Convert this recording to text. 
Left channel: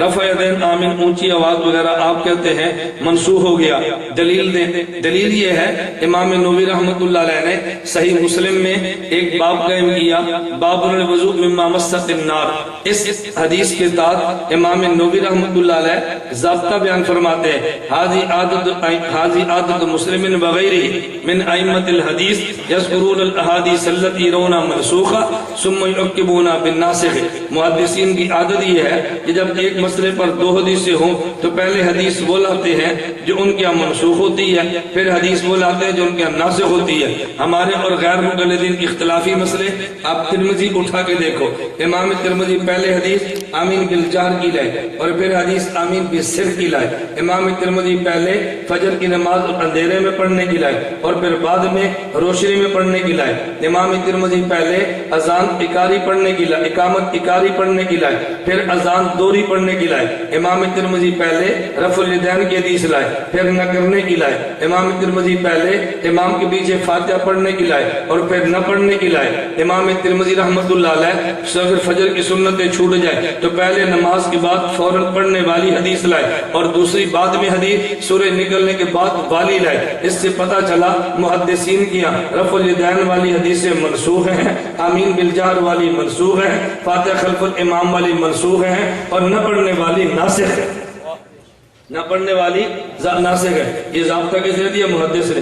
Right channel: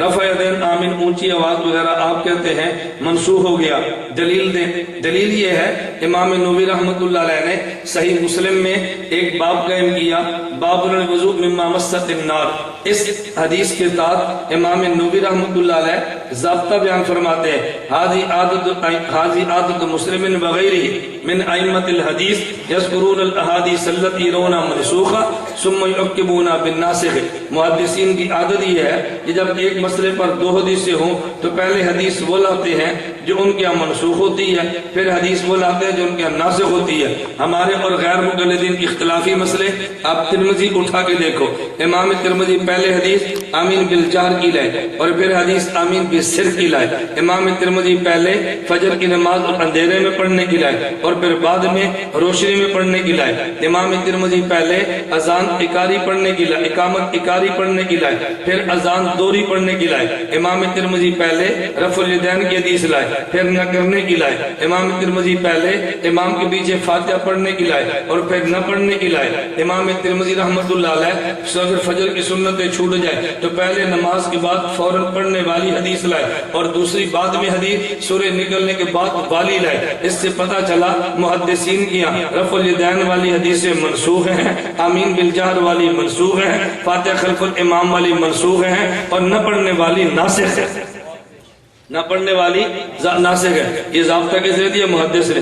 رفع یدین آمین ونچی آواز وغیرہ آپ کہتے ہیں منسوخ ہو گیا، دلیل دیں۔ دلیل یہ ہے امام نووی رحمۃ اللہ علیہ نے صحیح مسلم میں ایک باب قائم کیا، باب الوضوء مما مست النار۔ اس حدیث کے تحت امام نووی رحمۃ اللہ علیہ ضابطہ بیان فرماتے ہیں، حاضی عادت مسلم وغیرہ من ائمۃ الحدیث یذکرون الاحادیث التی یرون منسوخہ ثم یعقبون بالناسخ۔ محدثین کی عادت یہ ہے کہ جب ایک مسئلے پر دو حدیثیں ہوں تو پہلے حدیث وہ لاتے ہیں جو ان کے یہاں منسوخ ہوتی ہے، پھر حدیث وہ لاتے ہیں جو ان کے یہاں ناسخ ہوتی ہے۔ ہمارے اور غیر مقلدین اختلافی مسئلے آپ ترمذی اٹھا کے دیکھو، امام ترمذی پہلے حدیث آمین بالجہر کی لائے اور پھر حدیث آمین بالسر کی لائے۔ امام ترمذی پہلے فجر کی نماز اندھیرے میں پڑھنے کی لائے اور پھر بعد میں روشنی میں پڑھنے کی لائے۔ امام ترمذی پہلے اذان اکاری پڑھنے کی لائے، اقامت اکاری پڑھنے کی لائے، پھر اذان دوری پڑھنے کی لائے۔ امام ترمذی پہلے رفع الیدین کی حدیث لائے، پھر نہ کرنے کی لائے۔ امام ترمذی پہلے امام کے پیچھے فاتحہ پڑھنے کی لائے اور پھر نہ پڑھنے کی لائے۔ امام ترمذی رحمۃ اللہ علیہ اگر فجر کی سنتیں چھوٹ جائے تو پہلے نماز کے بعد فوراً پڑھنے والی حدیث لائے اور دوسری بعد میں حدیث سورج نکلنے کے بعد والی لائے۔ اس سے پتہ چلا محدثین کی رفع الیدین والی حدیثیں منسوخ ہیں، آمین بالجہر والی منسوخ ہیں، فاتحہ خلف الامام والی منسوخ ہیں اور نہ پڑھنے والی ناسخ ہے، نہ پڑھنے والی ناسخ ہے۔ یہ ضابطہ کس نے دیا؟ محدث نے۔